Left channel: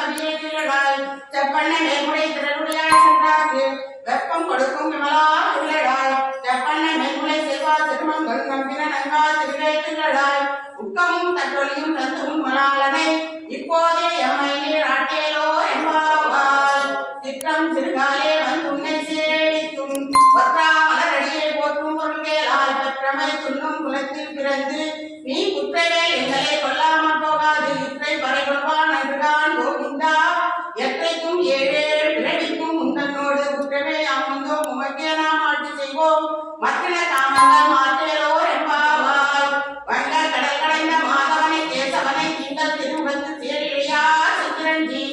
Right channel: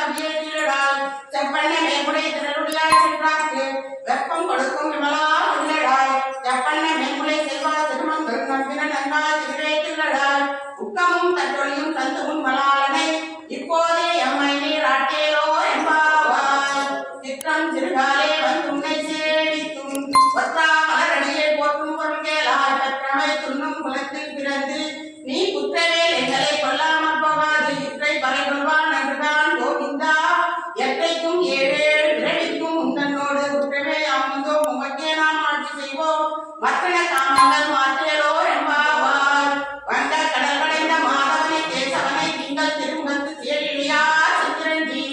கவியேற்றிலடாய் செப்பண்ணை மேல்முறை திரளுடையாய் சென்றார்க்கு வெப்பம் கொடுக்கும் விமலா உள்ளடாய் செப்பண்ணை மேல்முறை செல்வா திருமங்கள் நம்பின நன்காய் திருவேற்றிலடாய் உக்கமும் தட்டொலியும் சந்தமும் மலாளனை இப்போதே எம்மை நீர் ஆட்டியலோ என்பாவாய் சிற்றம் சிறுகாலே வந்து உன்னை சேவித்தும் ஒற்றா மலரடியை போற்றும் பொருள்கேளாய் பற்றமை துண்ணும் குலத்தில் பிறந்து நீ குற்றவே எங்களை கொல்லாமல் போகாது இற்றை பறை கொள்வான் அன்றுதான் கோவிந்தா எற்றைக்கும் ஏழேழு பிறவிக்கும் உந்தன்னோடு குற்றமே அமர்ந்தோம் உமக்கே நாம் ஆட்சி செய்வோம் மற்றன காமங்கள் மாற்றியலோ என்பாவாய் வங்க கடல் கடைந்த மாதவனை கேசவனை திங்கள் திருமுகத்து சேரிழியா சித்திரஞ்சி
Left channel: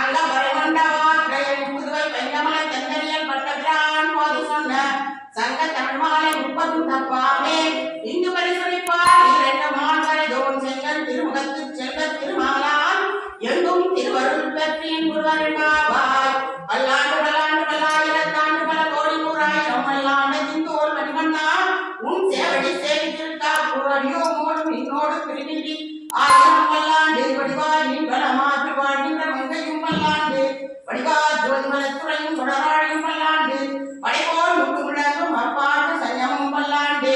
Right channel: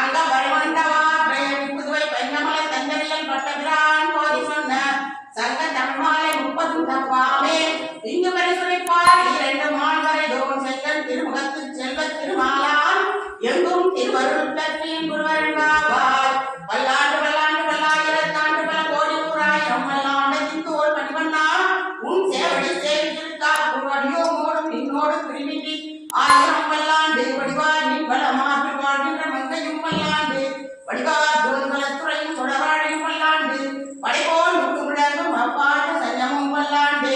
அங்க வழிவண்டவாற்றை புதுவை பைந்தமலை தந்தரியல் பட்டபிரான் போதி சொன்ன சங்க தமிழ்மாலை 30 தப்பாமே இங்கு பரிசுரைப்பார் இரண்டு மான்வரை தோன் செங்கல் திருமுகத்து செல்வ திருமாலான் எங்கும் திருவருள் பற்றியின் குருவருள்வார் பல்லாண்டு பல்லாண்டு பல்லாயிரத்தாண்டு பல கோடி நூறாயிரம் பல்லாண்டத்தின் தோல் மணிவண்ணா உன் சேவடி சேவித்திருக்கா குருவடியோ மோடும் இன்னோடு பிரிவின்றி ஆயிரம் பல்லாண்டு வடிவாய் நீ பலமாற்று வாழ்கின்ற மங்கையும் பல்லாண்டு வடிவார் ஜோதிபலத்துறையும் தொடராழையும் பல்லாண்டு படைபோல் முட்டு முழங்கும் அப்பாட்டு சஞ்சமும் பல்லாண்டு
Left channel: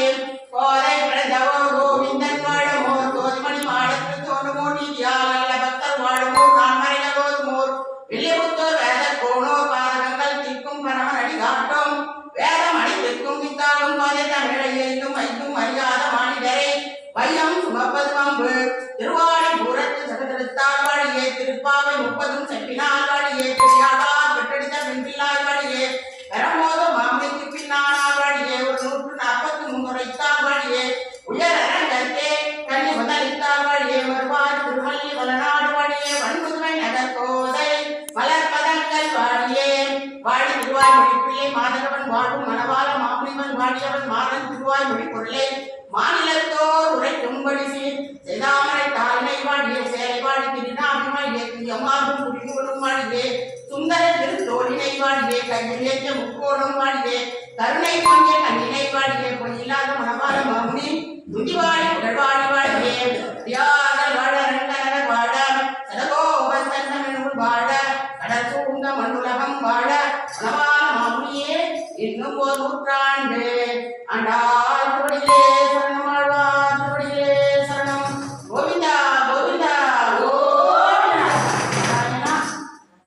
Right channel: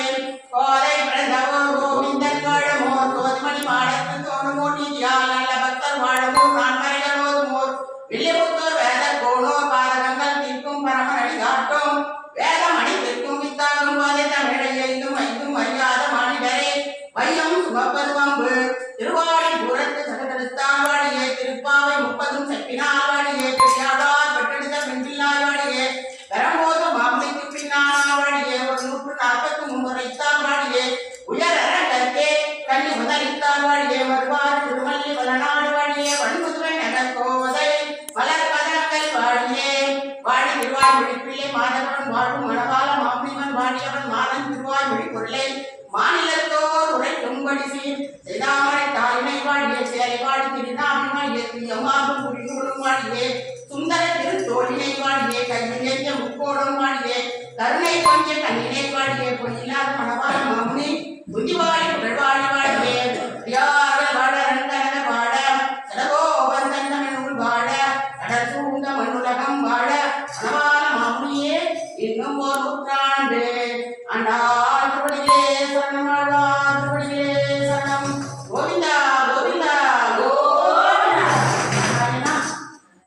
கோதை பிறந்தவோ கோவிந்தன் வாழமோ தோதுமணி மாடத்து தோணுமோ நீதியால் நல்ல பக்தர் வாழமோ நான் மறைகளோதுமோர் வில்லிபுத்தூர் வேத கோணோ பாதகங்கள் தீர்க்கும் பரமனடி காட்டும் வேதம் அடித்திருக்கும் வித்தாலும் கோதை தமிழை ஐந்தும் அறியாத மாநிலரை வையம் சுமப்பது வம்பு திருவாடி பூரத்து சகதெடுத்தால் வாழியே திருப்பாவை 30 செப்பினால் வாழியே பெரியாதால் பெற்றெடுத்த பெண்பில்லாய் வாழியே பெறமோத மாமலைக்கு பின்னால் வாழியே 143 முறைத்தால் வாழியே உயரே கண்ணி முதலித்தால் வாழியே வருவார் திருமல்லி வளநாடு வாழியே வன்முதுமை நகர் கோதை வளர்பதங்கள் வாழியே வாழி திருவாய் மொழிப்பிள்ளை மாதவன் வாழும் மணவாள மாமுனிவன் வாழியவன் மாதன் திருவாய் மொழி பொருளை மாநிலத்தோர் உரைக்கும்படி செய்தாமரை தாய்மை வாழியே சேலை வாழி திருநாபிமாயே எம்மாவும் குடிகூடும் வாழியே சுந்தர திருத்தோழினை வாழியே கையில் ஏற்ற முக்கோடும் வாழியே கருணை கொஞ்ச கண்ணினை வாழியே பொய்யில்லாத மணவாள மாமுனி துதிவாழி புகழ்வாழி வாழியே தியாகர் வாழ ரங்கநகர் வாழ சடகோபன் தந்தமிழ் வாழ கடல் சூழ்ந்த மண்ணுலகம் வாழ மணவாள மாமுனியே இன்னும் ஒரு நூற்றாண்டு ஆண்டாள்